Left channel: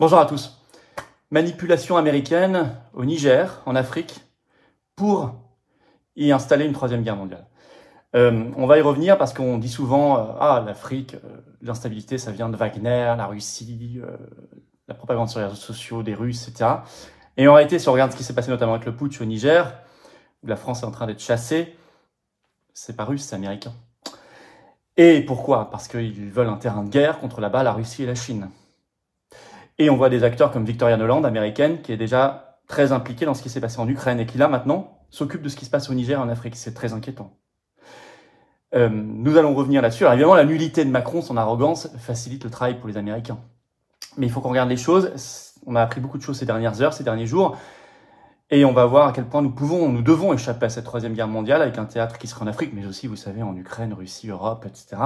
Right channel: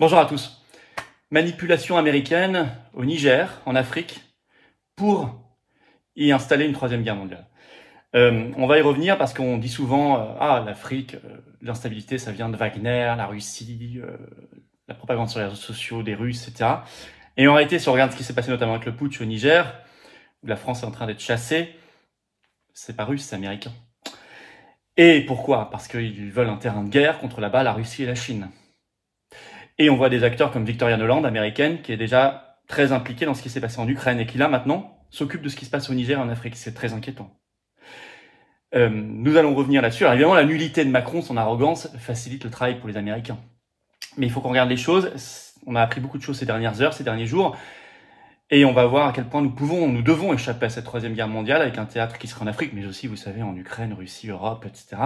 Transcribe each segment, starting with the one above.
Bonjour à tous. Manipulation américaine au Niger, en Afrique, pour y installer une troisième guerre mondiale. On va y revenir parce qu'on dit souvent l'Afrique, l'instabilité, ça vient de Wagner, la Russie, la propagande sur les réseaux sociaux des Russes, etc. Et en réalité, si on regarde ce qui s'est passé notamment avec le putsch au Niger, où la France est en train d'être chassée, c'est pas russe, c'est américain. Et pourquoi? Parce qu'ils veulent un terrain de guerre contre là-bas la Russie et la Chine. Et on voit des acteurs comme Victoria Nuland, américaine, qui est déjà très impliquée dans ce qui s'est passé en Ukraine et qui là maintenant s'occupe de ce qui se passe au Niger et en Afrique. C'est très inquiétant. Nous allons revenir là-dessus. Alors évidemment, la nullité de Macron, son arrogance, facilite le travail pour les Américains. Mais il faut qu'on regarde les choses. On a appris beaucoup de choses ces dernières heures, ces derniers jours. Et on va voir à quel point nous devons échapper à cette troisième guerre mondiale avec un théâtre qui serait en Afrique, mais aussi, vous savez, en Ukraine, Russie, Europe, etc.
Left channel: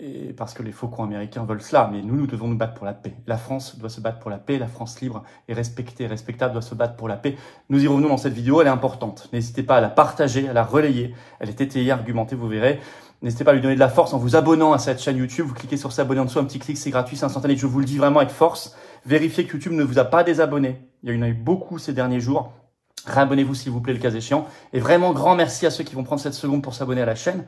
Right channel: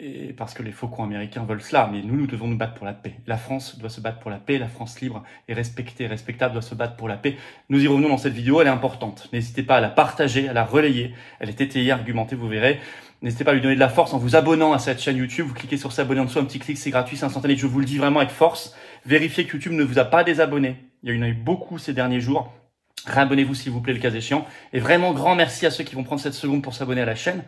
Et parce que les faucons américains veulent cela, mais nous devons nous battre pour la paix. La France doit se battre pour la paix, la France libre et respectée, respectable doit se battre pour la paix. Nous y revenons dans cette vidéo, elle est importante. N'hésitez pas à la partager, à la relayer, elle est étayée, argumentée, vous verrez. N'hésitez pas à lui donner de la force en vous abonnant à cette chaîne YouTube. Vous cliquez sur s'abonner en dessous, un petit clic, c'est gratuit, c'est instantané. Je vous le dis vraiment avec force. Vérifiez que YouTube ne vous a pas désabonné. Il y en a eu beaucoup ces derniers jours. Réabonnez-vous s'il vous plaît, le cas échéant. Et vraiment, grand merci à ceux qui vont prendre cette seconde pour s'abonner à la chaîne,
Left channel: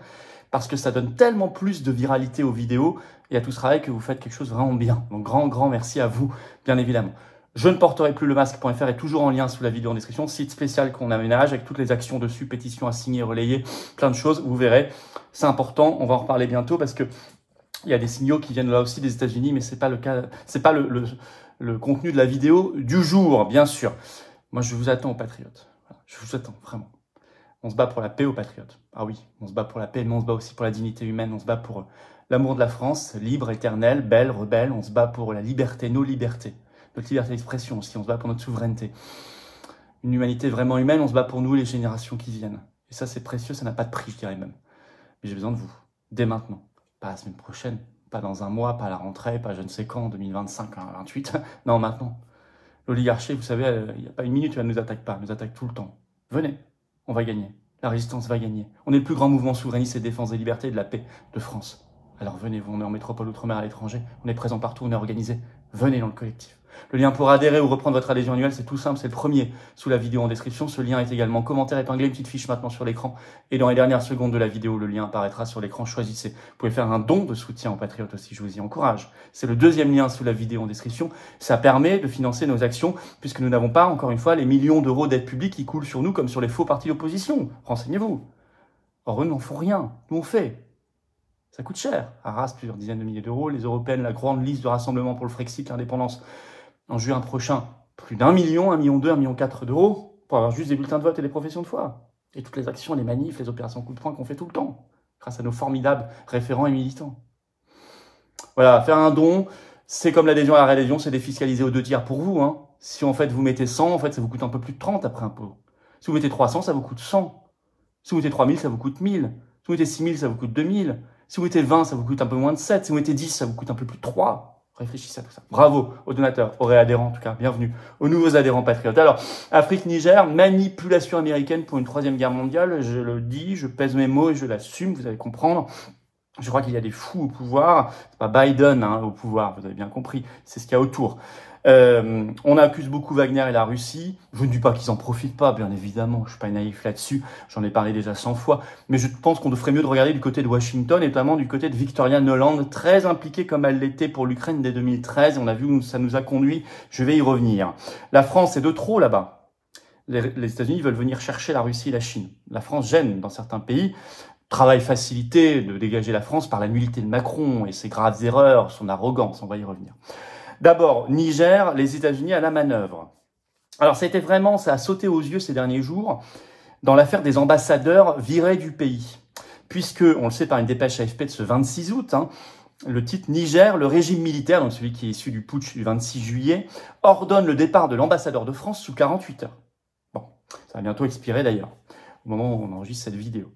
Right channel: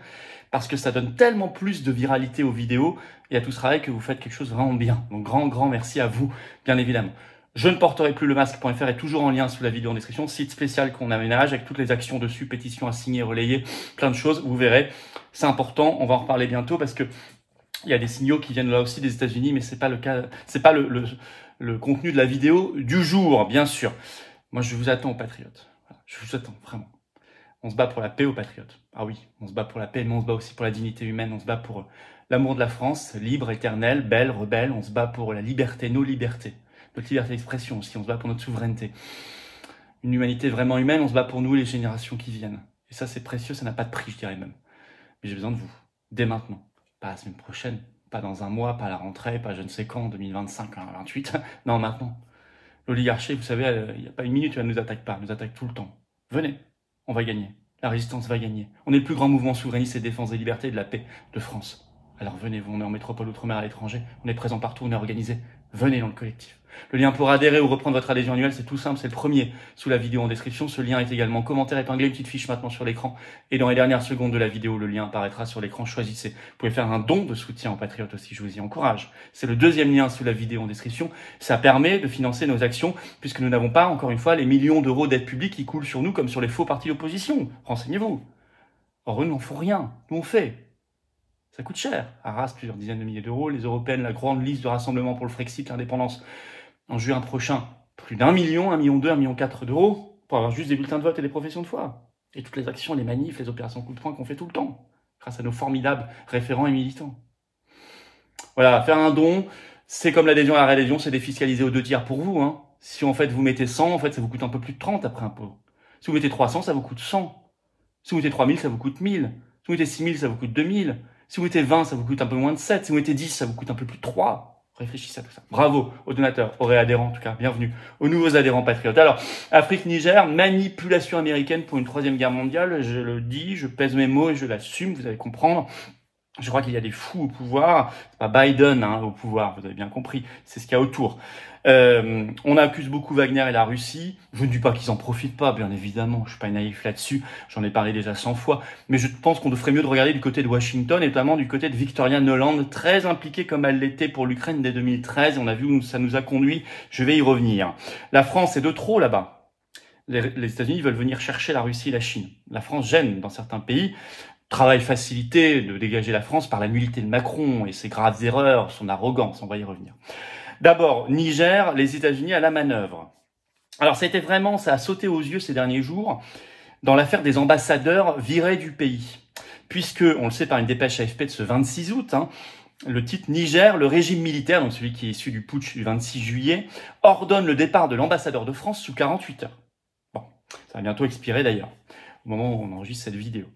parce que ça donne tellement plus de viralité aux vidéos et à tout ce travail que vous faites quelque chose vraiment bien. Donc grand merci à vous, bien évidemment. Je ne porterai plus le masque.fr est toujours en lien sous la vidéo en description, site spécial qu'on aménage avec toutes les actions dessus, pétitions à signer, relayer, plein de choses, vous verrez. C'est important, on va en reparler bientôt parce que il y a des signaux qui viennent là aussi des États-Unis, mais c'est pas le cas, c'est pas le contenu de la vidéo du jour, bien sûr. Moi, je vous attends aux patriotes. Voilà, je vous attends, vraiment. On se bat pour la paix aux patriotes. Ah oui, on se bat pour la paix, mais on se bat aussi pour la dignité humaine. On se bat pour l'amour de la France, libre, éternelle, belle, rebelle. On se bat pour la liberté, nos libertés. Notre liberté d'expression aussi. On se bat pour notre souveraineté. Une humanité vraiment humaine. On se bat pour nous et les générations qui viennent. Et ça, c'est précieux. Ça n'a pas de prix, je dirais même. Mais j'ai besoin de vous. Dès maintenant. Pas la semaine prochaine. Pas dans un mois. Pas à la rentrée. Pas je ne sais quand. 2025, 2028. Non, maintenant. L'oligarchie, vous savez, il n'y a pas une minute où elle ne nous attaque pas. Elle nous attaque tout le temps. Venez. On va gagner. La résistance va gagner. On est le plus grand mouvement souverainiste et défense des libertés et de la paix de France. Alors venez, on est en métropole, outre-mer, à l'étranger. On est présent partout, on est organisé. Venez dans le collectif. Le lien pour adhérer ou reprendre votre adhésion annuelle, c'est tout simple, c'est le premier sous la vidéo en description. Ce lien est également commentaire épinglé, une petite fiche maintenant sur l'écran. Et dans les dernières secondes de la vidéo, le lien apparaîtra sur l'écran. Choisissez. Vous pouvez faire un don de soutien aux patriotes aussi, je vous y encourage. C'est le deuxième lien sous la vidéo en description. Ça permet de financer nos actions, puisque nous n'avons pas, encore une fois, les millions d'euros d'aide publique qui coulent sur nous comme sur les faux partis d'opposition. Renseignez-vous. Or, eux n'en font rien. Nous, on fait. Ça coûte cher. Arras, plusieurs dizaines de milliers d'euros. Les Européennes, la grande liste de rassemblement pour le Frexit, l'indépendance, en juin prochain, plus d'1 million, 1,2 million, 1,4 million d'euros pour avoir juste des bulletins de vote et des professions de foi. Et toutes les actions, les manifs, les opérations coup de poing qu'on fait tout le temps, grâce à nos formidables référents et militants. Voilà, faire un don, c'est comme l'adhésion à la réadhésion, c'est défiscalisé aux 2 tiers pour vous. Hein. Si en fait vous mettez 100, en fait ça vous coûte un peu plus de 30 après impôt. Si vous mettez 300, ça vous coûte 100. Si vous mettez 3000, ça vous coûte 1000. Si vous mettez 6000, ça vous coûte 2000. Si vous mettez 20, ça vous coûte un peu moins de 7. Si vous mettez 10, ça vous coûte un peu plus de 3. Réfléchissez à tout ça. Bravo aux donateurs, aux réadhérents en tout cas, bienvenue aux nouveaux adhérents patriotes. Alors, Afrique-Niger, manipulation américaine pour une troisième guerre mondiale, je le dis, je pèse mes mots et je l'assume, vous allez comprendre. Je crois qu'il y a des fous au pouvoir, c'est pas Biden au pouvoir, vous avez bien compris, c'est ce qu'il y a autour. On accuse beaucoup Wagner et la Russie. Je ne dis pas qu'ils en profitent pas, bien évidemment, je suis pas naïf là-dessus, j'en ai parlé déjà 100 fois, mais je pense qu'on ferait mieux de regarder du côté de Washington, et notamment du côté de Victoria Nuland, très impliquée comme elle l'était pour l'Ukraine dès 2013, on a vu où ça nous a conduit, je vais y revenir. La France est de trop là-bas. Les États-Unis veulent venir chercher la Russie et la Chine. La France gêne dans certains pays. Travail facilité de dégager la France par la nullité de Macron et ses graves erreurs, son arrogance, on va y revenir. D'abord, Niger, les États-Unis à la manœuvre. Alors ça a sauté aux yeux ces derniers jours dans l'affaire des ambassadeurs virés du pays. Puisque, on le sait par une dépêche AFP de ce 26 août, le titre Niger, le régime militaire, donc celui qui est issu du putsch du 26 juillet, ordonne le départ de l'ambassadeur de France sous 48 heures. Bon, ça va bientôt expirer d'ailleurs, au moment où on enregistre cette vidéo.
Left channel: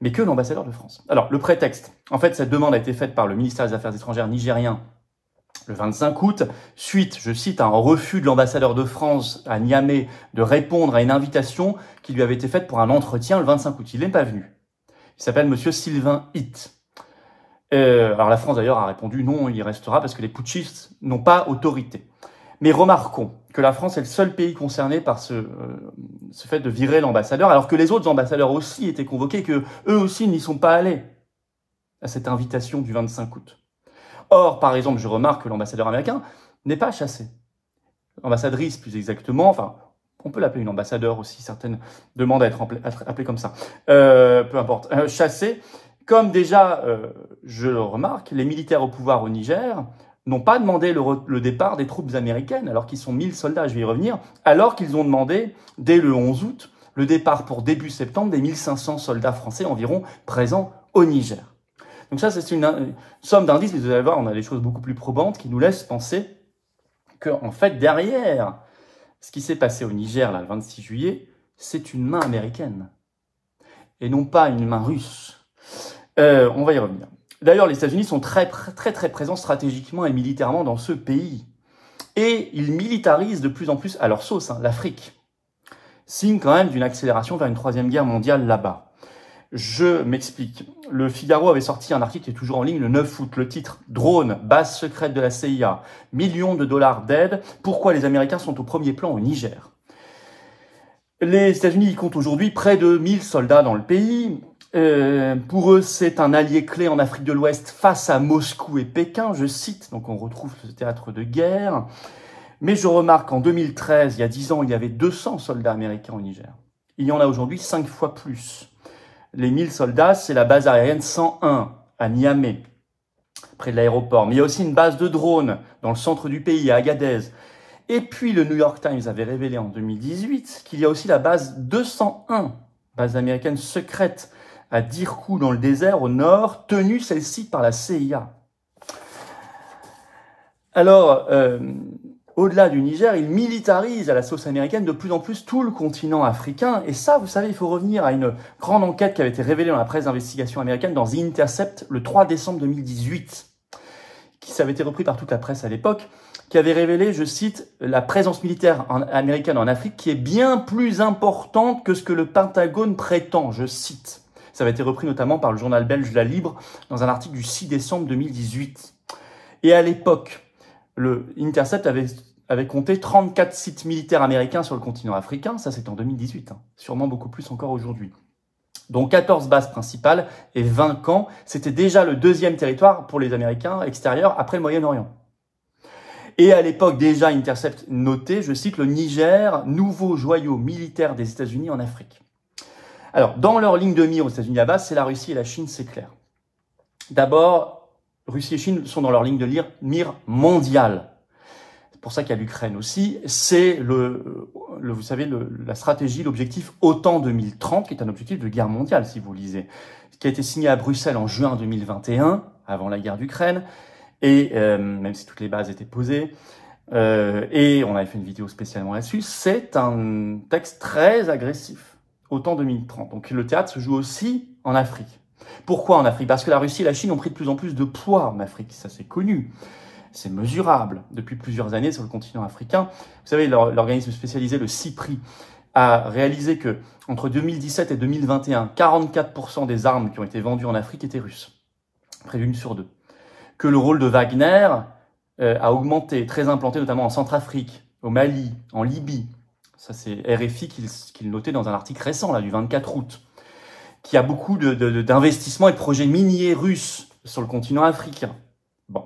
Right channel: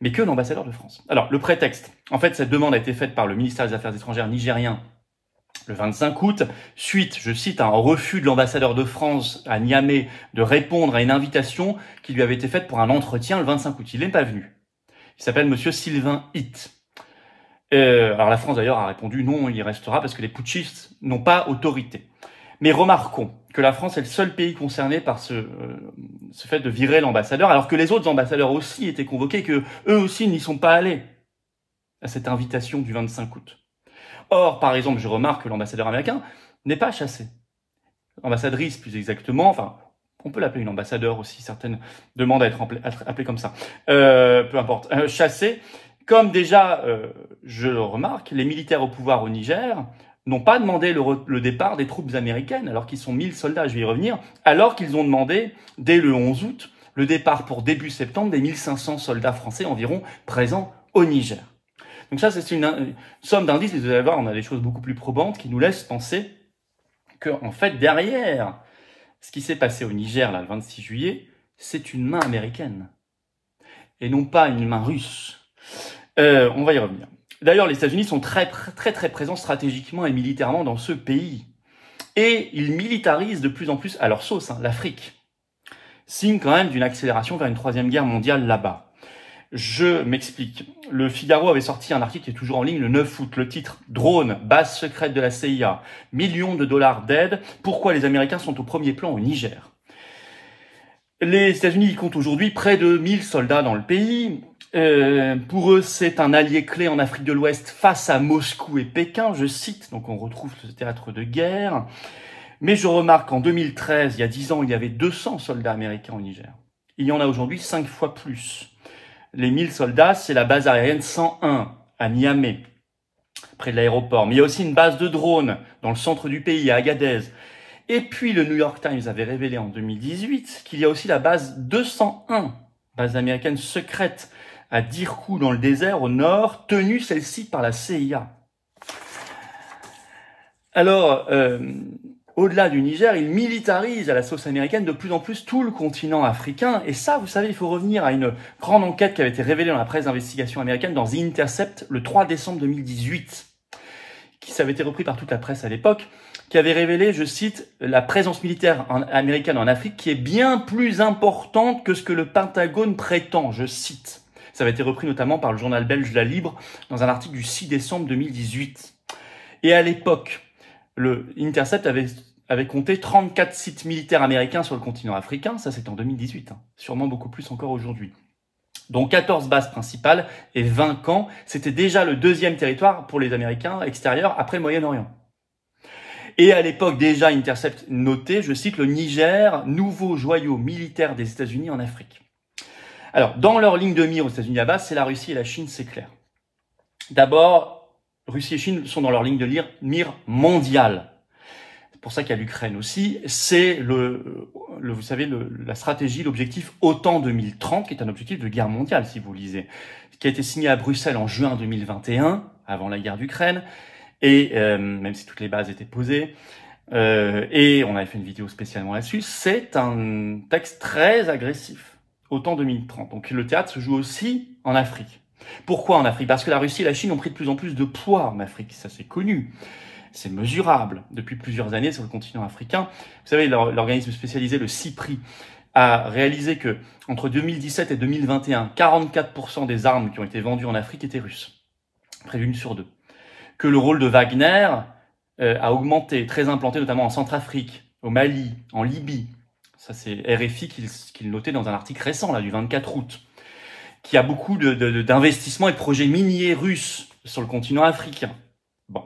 Mais que l'ambassadeur de France. Alors, le prétexte. En fait, cette demande a été faite par le ministère des Affaires étrangères nigérien le 25 août, suite, je cite, à un refus de l'ambassadeur de France à Niamey de répondre à une invitation qui lui avait été faite pour un entretien le 25 août. Il n'est pas venu. Il s'appelle monsieur Sylvain Hitt. Alors la France d'ailleurs a répondu non, il y restera parce que les putschistes n'ont pas autorité. Mais remarquons que la France est le seul pays concerné par ce fait de virer l'ambassadeur, alors que les autres ambassadeurs aussi étaient convoqués, que eux aussi n'y sont pas allés à cette invitation du 25 août. Or, par exemple, je remarque que l'ambassadeur américain n'est pas chassé. Ambassadrice, plus exactement, enfin, on peut l'appeler une ambassadeur aussi, certaines demandent à être appelées comme ça. Peu importe. Chassé, comme déjà, je le remarque, les militaires au pouvoir au Niger n'ont pas demandé le départ des troupes américaines, alors qu'ils sont 1000 soldats, je vais y revenir, alors qu'ils ont demandé, dès le 11 août, le départ pour début septembre des 1500 soldats français environ présents au Niger. Donc ça, c'est une somme d'indices, vous allez voir, on a des choses beaucoup plus probantes qui nous laissent penser qu'en fait, derrière ce qui s'est passé au Niger, là, le 26 juillet, c'est une main américaine, et non pas une main russe. On va y revenir. D'ailleurs, les États-Unis sont très présents stratégiquement et militairement dans ce pays. Et ils militarisent de plus en plus à leur sauce, l'Afrique. Signe quand même d'une accélération vers une troisième guerre mondiale là-bas. Je m'explique. Le Figaro avait sorti un article qui est toujours en ligne le 9 août. Le titre « Drone, base secrète de la CIA, millions de dollars d'aide. Pourquoi les Américains sont au premier plan au Niger ?» Les États-Unis comptent aujourd'hui près de 1000 soldats dans le pays. Pour eux, c'est un allié clé en Afrique de l'Ouest face à Moscou et Pékin, je cite, donc on retrouve ce théâtre de guerre. Mais je remarque qu'en 2013, il y a 10 ans, il y avait 200 soldats américains au Niger. Il y en a aujourd'hui 5 fois plus. Les 1000 soldats, c'est la base aérienne 101 à Niamey, près de l'aéroport. Mais il y a aussi une base de drones dans le centre du pays, à Agadez. Et puis le New York Times avait révélé en 2018 qu'il y a aussi la base 201, base américaine secrète, à Dirkou dans le désert au nord, tenue celle-ci par la CIA. Alors, au-delà du Niger, il militarise à la sauce américaine de plus en plus tout le continent africain. Et ça, vous savez, il faut revenir à une grande enquête qui avait été révélée dans la presse d'investigation américaine dans The Intercept le 3 décembre 2018, qui avait été repris par toute la presse à l'époque, qui avait révélé, je cite, la présence militaire américaine en Afrique qui est bien plus importante que ce que le Pentagone prétend, je cite. Ça avait été repris notamment par le journal belge La Libre dans un article du 6 décembre 2018. Et à l'époque, le Intercept avait compté 34 sites militaires américains sur le continent africain. Ça, c'est en 2018. Sûrement beaucoup plus encore aujourd'hui. Donc 14 bases principales et 20 camps. C'était déjà le deuxième territoire pour les Américains extérieurs après le Moyen-Orient. Et à l'époque, déjà, Intercept notait, je cite, le Niger, nouveau joyau militaire des États-Unis en Afrique. Alors, dans leur ligne de mire aux États-Unis à base, c'est la Russie et la Chine, c'est clair. D'abord, Russie et Chine sont dans leur ligne de mire mondiale. C'est pour ça qu'il y a l'Ukraine aussi. C'est vous savez, la stratégie, l'objectif OTAN 2030, qui est un objectif de guerre mondiale, si vous lisez, qui a été signé à Bruxelles en juin 2021, avant la guerre d'Ukraine, et même si toutes les bases étaient posées, et on avait fait une vidéo spécialement là-dessus, c'est un texte très agressif. OTAN 2030. Donc le théâtre se joue aussi en Afrique. Pourquoi en Afrique? Parce que la Russie et la Chine ont pris de plus en plus de poids en Afrique. Ça, c'est connu. C'est mesurable depuis plusieurs années sur le continent africain. Vous savez, l'organisme spécialisé, le CIPRI, a réalisé que entre 2017 et 2021, 44% des armes qui ont été vendues en Afrique étaient russes. Près d'une sur deux. Que le rôle de Wagner a augmenté, très implanté notamment en Centrafrique, au Mali, en Libye. Ça, c'est RFI qui le notait dans un article récent, là, du 24 août, qui a beaucoup d'investissements et de projets miniers russes sur le continent africain. Bon.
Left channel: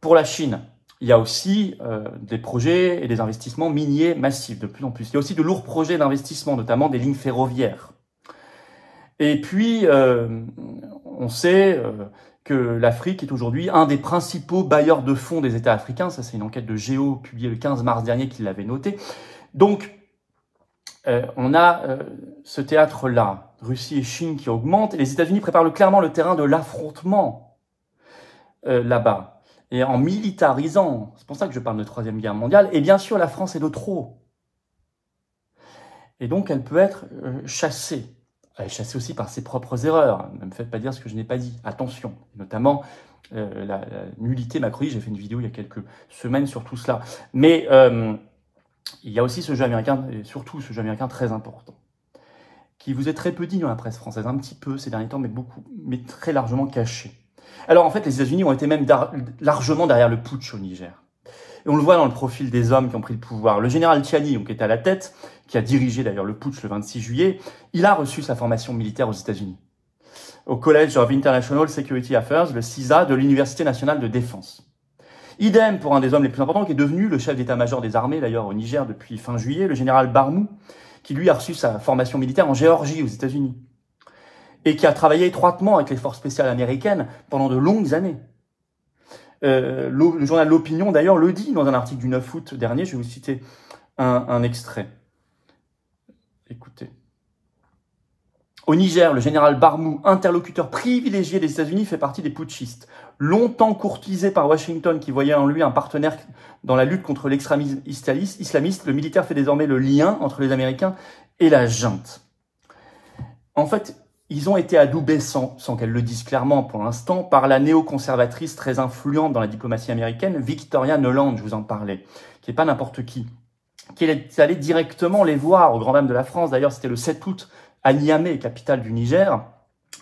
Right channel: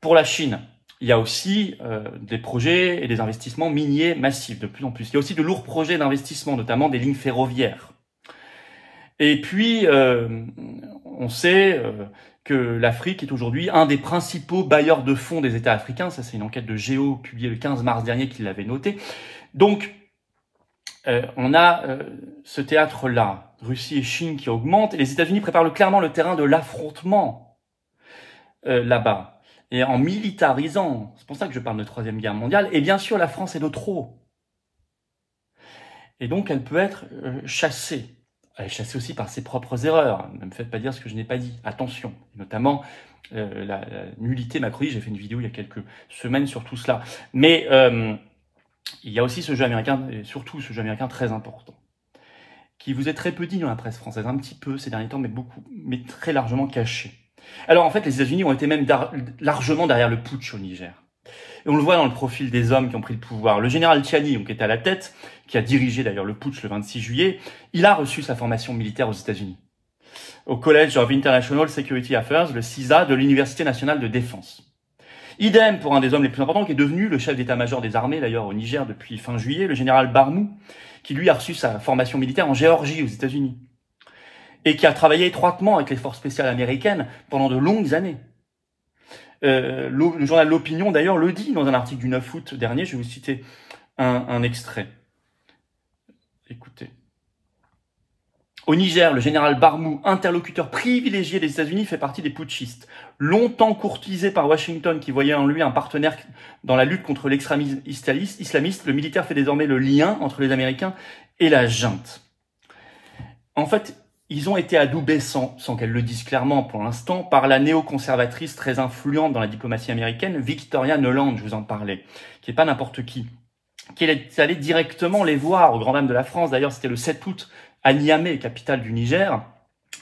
Pour la Chine, il y a aussi des projets et des investissements miniers massifs, de plus en plus. Il y a aussi de lourds projets d'investissement, notamment des lignes ferroviaires. Et puis, on sait que l'Afrique est aujourd'hui un des principaux bailleurs de fonds des États africains. Ça, c'est une enquête de Géo publiée le 15 mars dernier qui l'avait noté. Donc, on a ce théâtre-là, Russie et Chine qui augmentent, et les États-Unis préparent clairement le terrain de l'affrontement là-bas, et en militarisant, c'est pour ça que je parle de Troisième Guerre mondiale, et bien sûr la France est de trop. Et donc elle peut être chassée. Elle est chassée aussi par ses propres erreurs, ne me faites pas dire ce que je n'ai pas dit, attention, notamment la nullité macroniste, j'ai fait une vidéo il y a quelques semaines sur tout cela, mais il y a aussi ce jeu américain, et surtout ce jeu américain très important, qui vous est très peu dit dans la presse française, un petit peu ces derniers temps, mais très largement caché. Alors en fait, les États-Unis ont été même largement derrière le putsch au Niger. Et on le voit dans le profil des hommes qui ont pris le pouvoir. Le général Tchiani, donc, qui était à la tête, qui a dirigé d'ailleurs le putsch le 26 juillet, il a reçu sa formation militaire aux États-Unis, au College of International Security Affairs, le CISA, de l'Université nationale de défense. Idem pour un des hommes les plus importants, qui est devenu le chef d'état-major des armées, d'ailleurs au Niger depuis fin juillet, le général Barmou, qui lui a reçu sa formation militaire en Géorgie, aux États-Unis, et qui a travaillé étroitement avec les forces spéciales américaines pendant de longues années. Le journal L'Opinion, d'ailleurs, le dit dans un article du 9 août dernier. Je vais vous citer un extrait. Écoutez. Au Niger, le général Barmou, interlocuteur privilégié des États-Unis, fait partie des putschistes. Longtemps courtisé par Washington, qui voyait en lui un partenaire dans la lutte contre l'extrémisme islamiste, le militaire fait désormais le lien entre les Américains et la junte. En fait, ils ont été adoubés, sans qu'elle le dise clairement pour l'instant, par la néoconservatrice très influente dans la diplomatie américaine, Victoria Nuland, je vous en parlais, qui n'est pas n'importe qui est allée directement les voir aux Grand Dames de la France. D'ailleurs, c'était le 7 août à Niamey, capitale du Niger.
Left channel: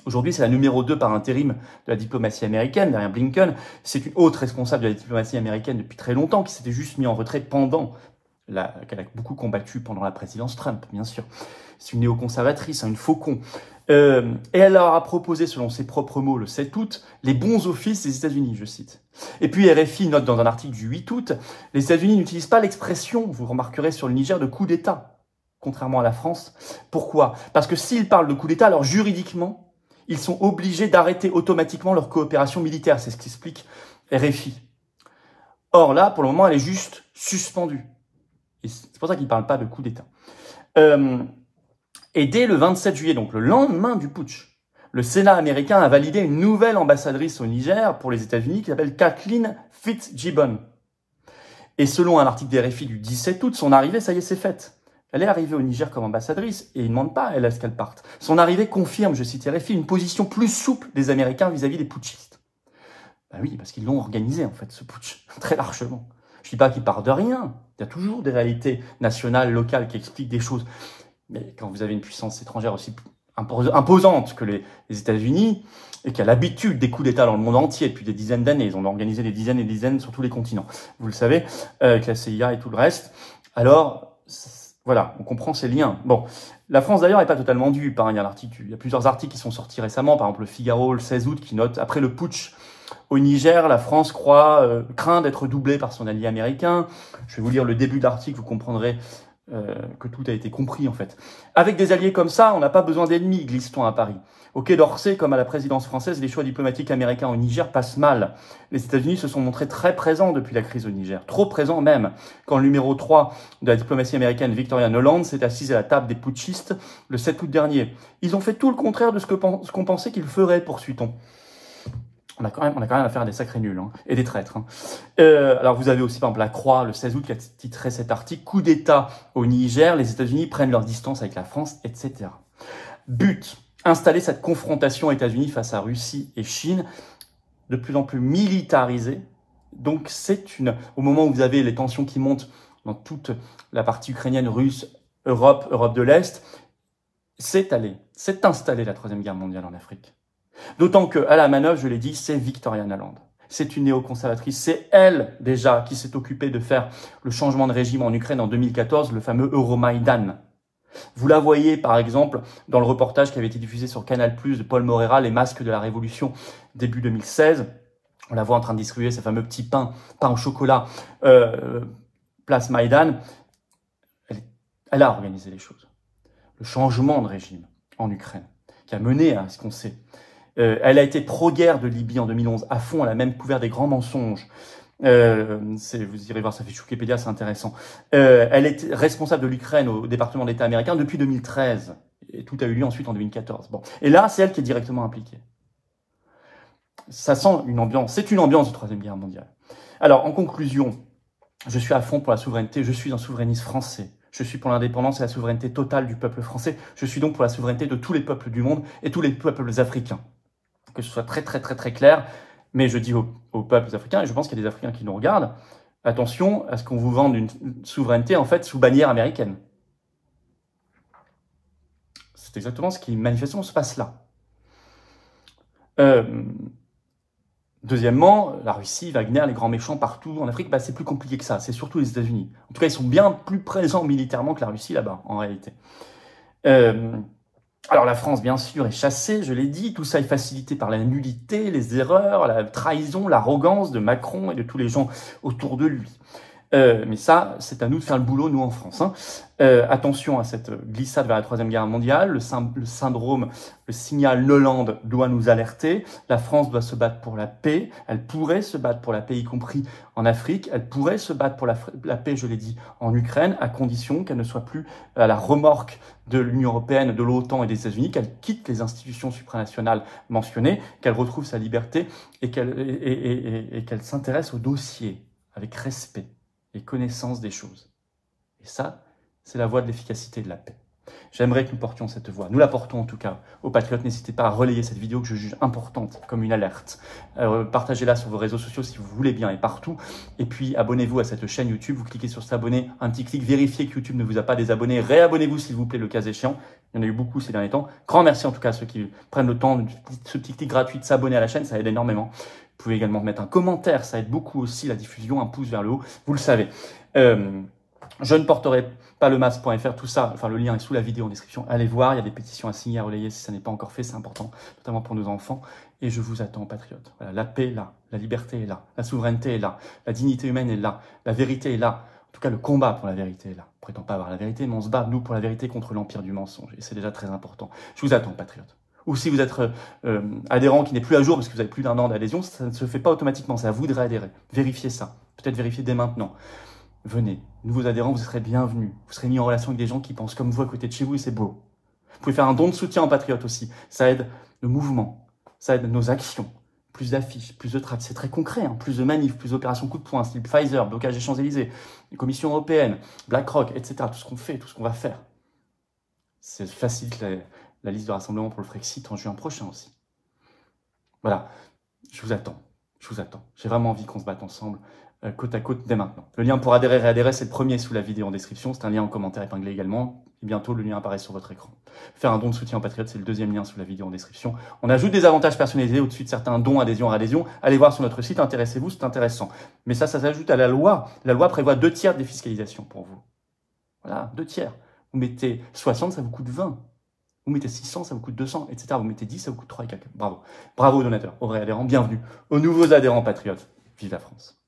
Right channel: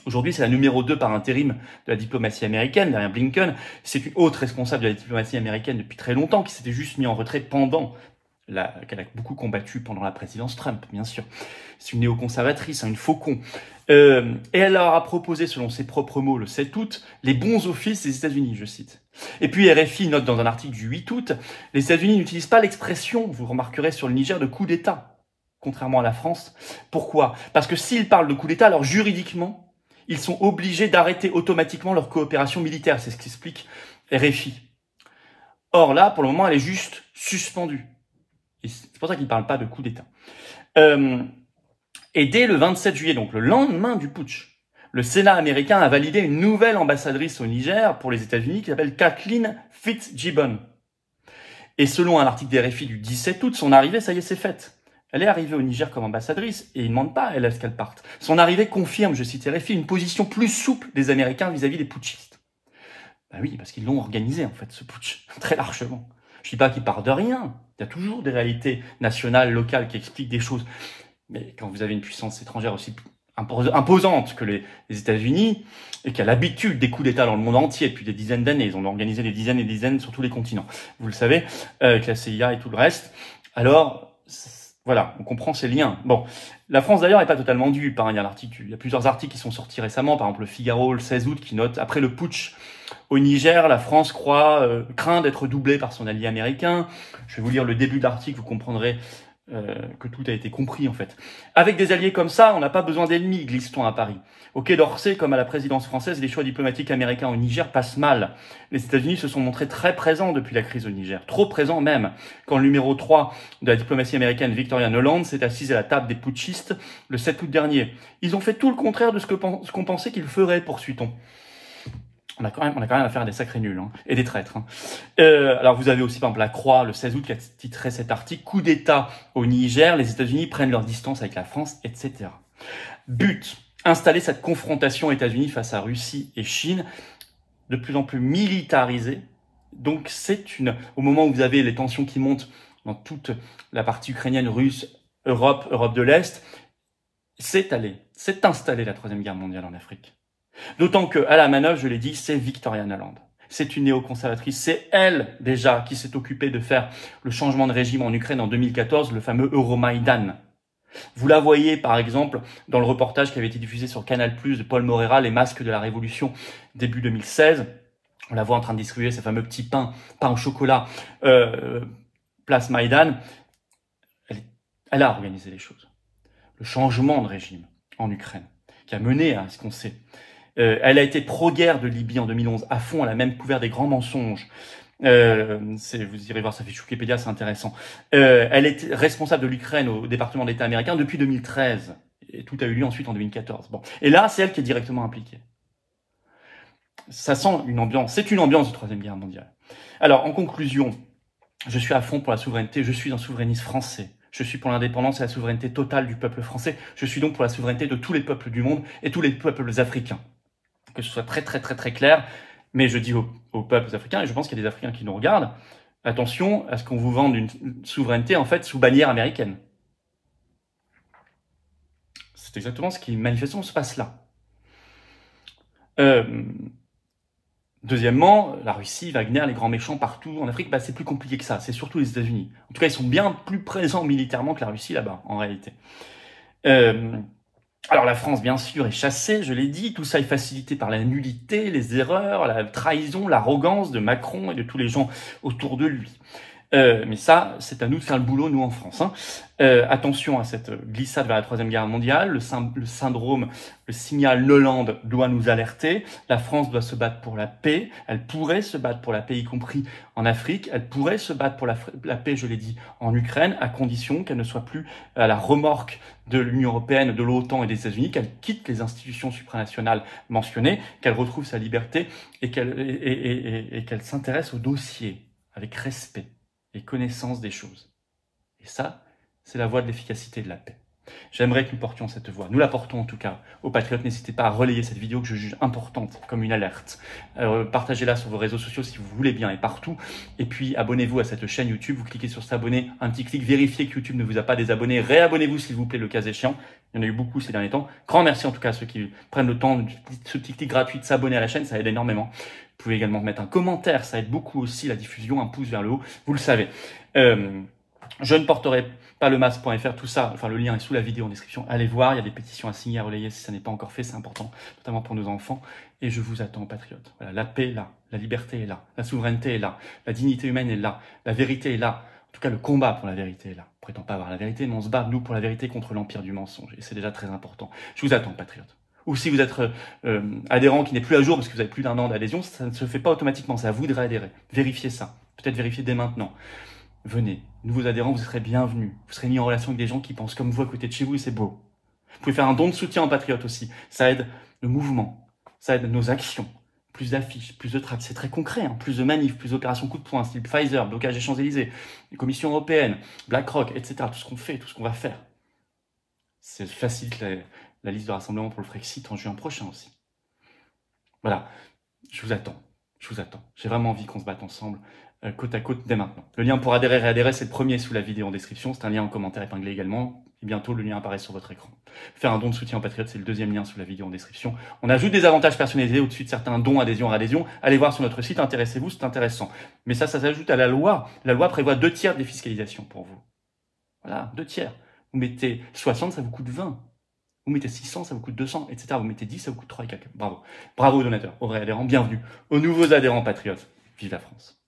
Aujourd'hui, c'est la numéro 2 par intérim de la diplomatie américaine, derrière Blinken. C'est une haute responsable de la diplomatie américaine depuis très longtemps, qui s'était juste mis en retrait pendant qu'elle a beaucoup combattu pendant la présidence Trump, bien sûr. C'est une néoconservatrice, une faucon. Et elle leur a proposé, selon ses propres mots, le 7 août, les bons offices des États-Unis, je cite. Et puis RFI note dans un article du 8 août, les États-Unis n'utilisent pas l'expression, vous remarquerez sur le Niger, de coup d'État, contrairement à la France. Pourquoi? Parce que s'ils parlent de coup d'État, alors juridiquement, ils sont obligés d'arrêter automatiquement leur coopération militaire. C'est ce qu'explique RFI. Or là, pour le moment, elle est juste suspendue. Et c'est pour ça qu'ils ne parlent pas de coup d'État. Et dès le 27 juillet, donc le lendemain du putsch, le Sénat américain a validé une nouvelle ambassadrice au Niger pour les États-Unis qui s'appelle Kathleen Fitzgibbon. Et selon un article des RFI du 17 août, son arrivée, ça y est, c'est faite. Elle est arrivée au Niger comme ambassadrice et ils ne demandent pas, elle, à ce qu'elle parte. Son arrivée confirme, je cite RFI, une position plus souple des Américains vis-à-vis des putschistes. Ben oui, parce qu'ils l'ont organisé, en fait, ce putsch, très largement. Je ne dis pas qu'il part de rien. Il y a toujours des réalités nationales, locales qui expliquent des choses. Mais quand vous avez une puissance étrangère aussi imposante que les États-Unis, et qui a l'habitude des coups d'État dans le monde entier depuis des dizaines d'années, ils ont organisé des dizaines et des dizaines sur tous les continents, vous le savez, avec la CIA et tout le reste, alors voilà, on comprend ces liens. Bon, la France d'ailleurs n'est pas totalement dupe, hein. Il y a plusieurs articles qui sont sortis récemment, par exemple le Figaro le 16 août qui note, après le putsch au Niger, la France craint d'être doublée par son allié américain. Je vais vous lire le début de l'article, vous comprendrez que tout a été compris en fait. Avec des alliés comme ça, on n'a pas besoin d'ennemis, glisse-t-on à Paris. Au Quai d'Orsay, comme à la présidence française, les choix diplomatiques américains au Niger passent mal. Les États-Unis se sont montrés très présents depuis la crise au Niger, trop présents même, quand le numéro 3 de la diplomatie américaine, Victoria Nuland, s'est assise à la table des putschistes le 7 août dernier. Ils ont fait tout le contraire de ce qu'on pensait qu'ils feraient, poursuit-on. On a quand même affaire à des sacrés nuls, hein, et des traîtres. Hein. Alors vous avez aussi par exemple la Croix le 16 août qui a titré cet article « Coup d'État au Niger, les États-Unis prennent leur distance avec la France, etc. » But, installer cette confrontation États-Unis face à Russie et Chine, de plus en plus militarisée. Donc au moment où vous avez les tensions qui montent dans toute la partie ukrainienne, russe, Europe de l'Est, c'est installé la Troisième Guerre mondiale en Afrique. D'autant qu'à la manœuvre, je l'ai dit, c'est Victoria Nuland. C'est une néoconservatrice. C'est elle, déjà, qui s'est occupée de faire le changement de régime en Ukraine en 2014, le fameux Euromaïdan. Vous la voyez, par exemple, dans le reportage qui avait été diffusé sur Canal+, de Paul Moreira, Les masques de la Révolution, début 2016. On la voit en train de distribuer ces fameux petits pains au chocolat, place Maïdan. Elle a organisé les choses. Le changement de régime en Ukraine, qui a mené à ce qu'on sait. Elle a été pro-guerre de Libye en 2011, à fond, elle a même couvert des grands mensonges. Vous irez voir sa fiche Wikipédia, c'est intéressant. Elle est responsable de l'Ukraine au département d'État américain depuis 2013. Et tout a eu lieu ensuite en 2014. Bon. Et là, c'est elle qui est directement impliquée. Ça sent une ambiance, c'est une ambiance de Troisième Guerre mondiale. Alors, en conclusion, je suis à fond pour la souveraineté, je suis un souverainiste français. Je suis pour l'indépendance et la souveraineté totale du peuple français. Je suis donc pour la souveraineté de tous les peuples du monde et tous les peuples africains. Que ce soit très clair, mais je dis aux peuples africains, et je pense qu'il y a des Africains qui nous regardent, attention à ce qu'on vous vende une souveraineté en fait sous bannière américaine. C'est exactement ce qui manifestement se passe là. Deuxièmement, la Russie, Wagner, les grands méchants partout en Afrique, c'est plus compliqué que ça. C'est surtout les États-Unis. En tout cas, ils sont bien plus présents militairement que la Russie là-bas, en réalité. Alors la France, bien sûr, est chassée, je l'ai dit. Tout ça est facilité par la nullité, les erreurs, la trahison, l'arrogance de Macron et de tous les gens autour de lui. Mais ça, c'est à nous de faire le boulot, nous, en France. Attention à cette glissade vers la Troisième Guerre mondiale. Le syndrome, le signal Hollande doit nous alerter. La France doit se battre pour la paix. Elle pourrait se battre pour la paix, y compris en Afrique. Elle pourrait se battre pour la paix, je l'ai dit, en Ukraine, à condition qu'elle ne soit plus à la remorque de l'Union européenne, de l'OTAN et des États-Unis, qu'elle quitte les institutions supranationales mentionnées, qu'elle retrouve sa liberté et qu'elle s'intéresse au dossier avec respect et connaissance des choses. Et ça, c'est la voie de l'efficacité et de la paix. J'aimerais que nous portions cette voie. Nous la portons en tout cas aux patriotes. N'hésitez pas à relayer cette vidéo que je juge importante comme une alerte. Partagez-la sur vos réseaux sociaux si vous voulez bien et partout. Et puis abonnez-vous à cette chaîne YouTube. Vous cliquez sur s'abonner, un petit clic, vérifiez que YouTube ne vous a pas désabonné. Réabonnez-vous s'il vous plaît le cas échéant. Il y en a eu beaucoup ces derniers temps. Grand merci en tout cas à ceux qui prennent le temps, ce petit clic gratuit de s'abonner à la chaîne, ça aide énormément. Vous pouvez également mettre un commentaire, ça aide beaucoup aussi la diffusion, un pouce vers le haut, vous le savez. Je ne porterai pas le masque.fr, tout ça, enfin le lien est sous la vidéo en description. Allez voir, il y a des pétitions à signer, à relayer si ça n'est pas encore fait, c'est important, notamment pour nos enfants. Et je vous attends, patriotes. Voilà, la paix est là, la liberté est là, la souveraineté est là, la dignité humaine est là, la vérité est là. En tout cas, le combat pour la vérité est là. On ne prétend pas avoir la vérité, mais on se bat, nous, pour la vérité contre l'empire du mensonge. Et c'est déjà très important. Je vous attends, patriotes. Ou si vous êtes adhérent qui n'est plus à jour parce que vous avez plus d'1 an d'adhésion, ça ne se fait pas automatiquement, c'est à vous de réadhérer. Vérifiez ça, peut-être vérifiez dès maintenant. Venez, nouveaux adhérents, vous serez bienvenus. Vous serez mis en relation avec des gens qui pensent comme vous à côté de chez vous et c'est beau. Vous pouvez faire un don de soutien en patriote aussi. Ça aide le mouvement, ça aide nos actions. Plus d'affiches, plus de tracts, c'est très concret. Hein. Plus de manifs, plus d'opérations coup de poing, style Pfizer, blocage des Champs-Élysées, les commissions européennes, BlackRock, etc. Tout ce qu'on fait, tout ce qu'on va faire. C'est facilite la liste de rassemblement pour le Frexit en juin prochain aussi. Voilà, je vous attends. J'ai vraiment envie qu'on se batte ensemble, côte à côte, dès maintenant. Le lien pour adhérer et réadhérer, c'est le premier sous la vidéo en description. C'est un lien en commentaire épinglé également. Et bientôt, le lien apparaît sur votre écran. Faire un don de soutien aux patriotes, c'est le deuxième lien sous la vidéo en description. On ajoute des avantages personnalisés au-dessus de certains dons, adhésion, réadhésion. Allez voir sur notre site, intéressez-vous, c'est intéressant. Mais ça s'ajoute à la loi. La loi prévoit 2 tiers de défiscalisation pour vous. Voilà, 2 tiers. Vous mettez 60, ça vous coûte 20. Vous mettez 600, ça vous coûte 200, etc. Vous mettez 10, ça vous coûte 3 et quelques. Bravo. Bravo aux donateurs, aux réadhérents, bienvenue. Aux nouveaux adhérents patriotes. Vive la France.